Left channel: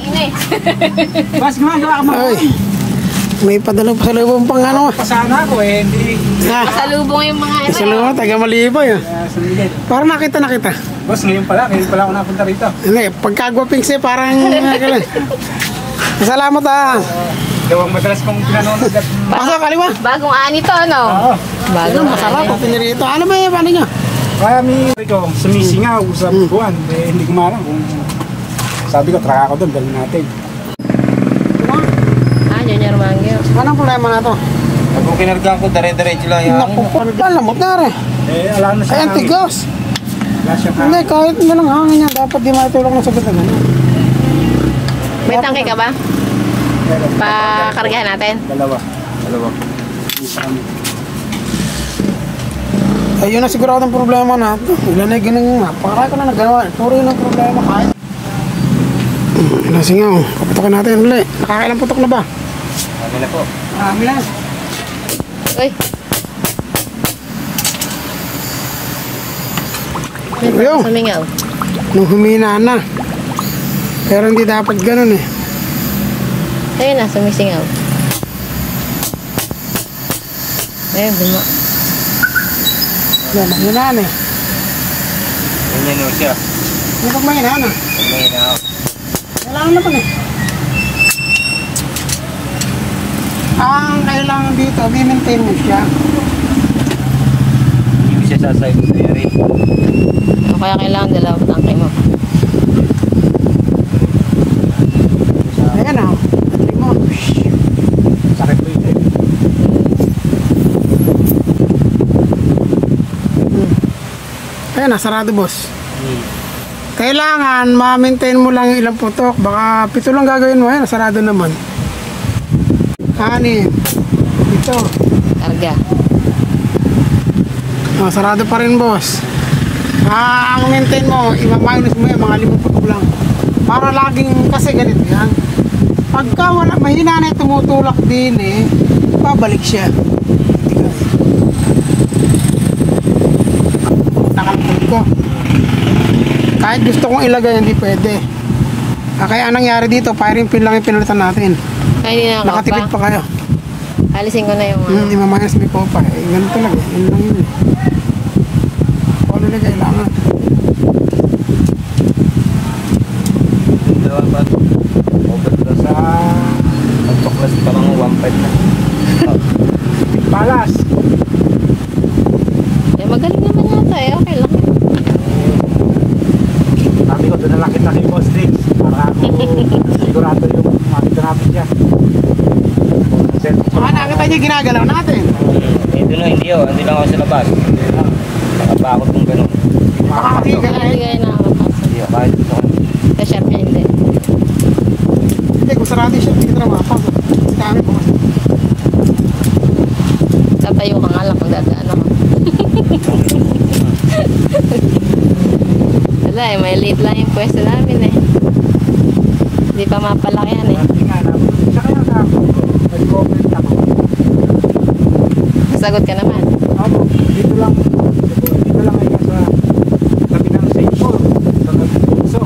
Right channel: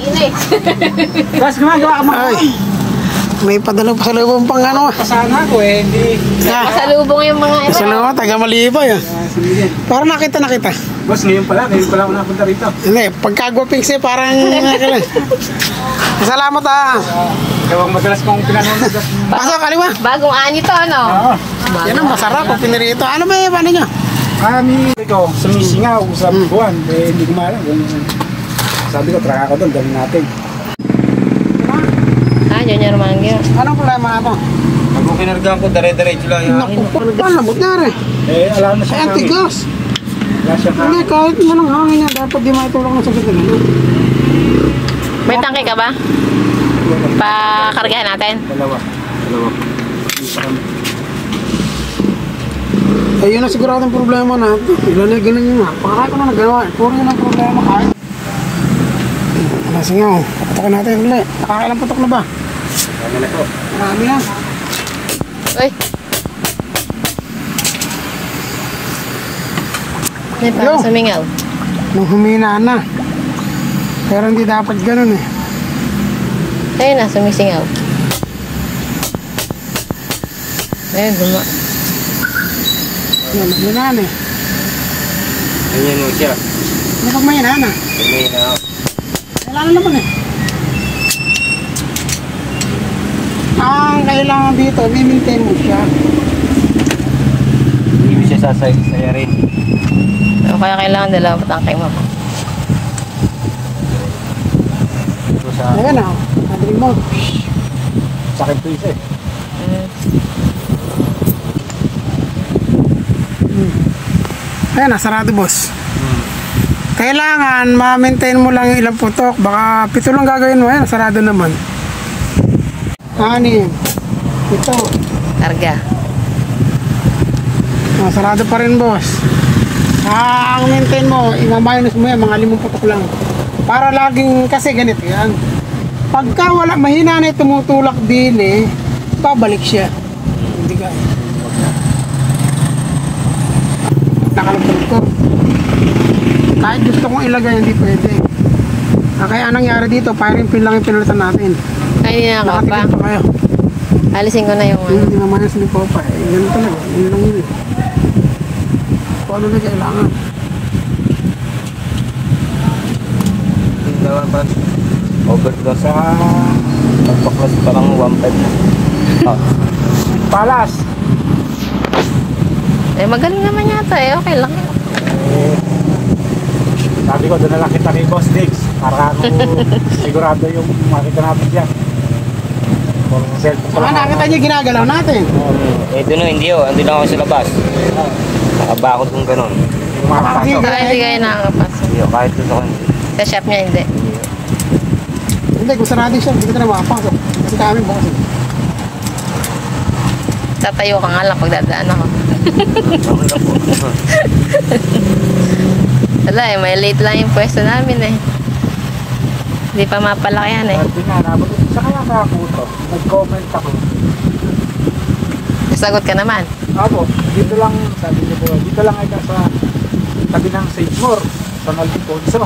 inis. Boss, gumagawa ka mo. Ay, may padala pa sa lubong pang ano. Pasana ko eh, hindi. Pasalubong yung mga ito. Sa lubong, taga Malibay ah. Parang nakita. Boss, ngayon pala ako napunta rito. Hindi, pagkagwaping siya, parang salamat ah. Ikaw ang madalas kong pinanonood at... Pasok, kaliwa. Bagong ani to, no? Oo. Yan ang masarap pag pinirito. Ano ba yung ano nyo? Kami ko, sumisingaw sa buwan. Eh, hindi ko maalam kung... Sabi ko, traka ko doon, dahil natin. Junior Mangyo. Walang problema nga to. Pag mo kinargaan ko, dare-diretso lang yan. Naku, alam mo na rin. Alam na siya Ay, antigas. Wala siya Hindi, kahit walang hangin yan, dapat di matulak ng sakit na gano'n. May tangke ka ba? Pakargahan natin. Dalawa. Ayun na sigurado ang problema na. Ilan na ganun nga. Para ko na nagagawa. Puro yun ang problema kahit. Sige, putokin natin ulit. Nakakailang putok na ba? Marami na. Uy. May parang sumingaw. Nung humina na. Pero hindi dapat ganun eh. Ayun na, sumisingaw. Ayun, guma. Yan, mahina na eh. Ganyan yung siya. Kapag mahina na. Wala na naman eh. Ang kailangan dito, i-maintain mo siya. Hindi mo siya sasay sa yari. O kaya kailangan dalawang tangke mo. Ayan na, ang remote. Sakit po isa eh. Ayan na, sarado boss. Kailangan ma-maintain mo lang ilang putok. Baka 7 lang gagawin mo. Ayan, sarado naman. 6. Ito. Karga. Sarado pa rin boss. Ang maintain mo, i-minus mo yan, mga 5 putok lang. Para laging, kasi ganito yan. Pagka wala, mahina na tumutulak din eh, babalik siya. Nakalagdag ko. Kahit gusto kong ilagay, hindi pwede. Kaya nangyari dito, firing pin lang yung pinalitan natin. Ay, hindi na ako pa. Nakatikip pa kayo. Alisin ko na yung ano. Hindi mamayas ni Popa. Ganun talaga. Yun lang yun. Kung ano na kailangan. Dawan ba? Overdose sa pagpaklas parang 1.5 na. Palas! Eh, magaling naman yata eh. Okay lang. Sabi ko, doon na lang kita kay Boss Diggs para ako sigurado yung makita natin dyan. Saka nakita niyo ginagalaw natin. Ito na, hindi oh. Andi lang ako sa labas. Nakabakot kung gano'n. Hindi kayo nakakapasok. Hindi oh, kahit ito sa kanya. Sa shop niya, hindi. Hindi, kung sarado siya, hindi ka na makapasok. Kasi kami bukas. Tatayo ka nga lang pag dadaan ako. Wala eh, may late lang yung pwesto namin eh. Hindi pa mapalakihan eh. Sa kaya ako ito, nag-comment ako. Sagot ka naman. Ako, dito lang, dito lang ay nasa tabi ng Seymour, sa Nagpulso.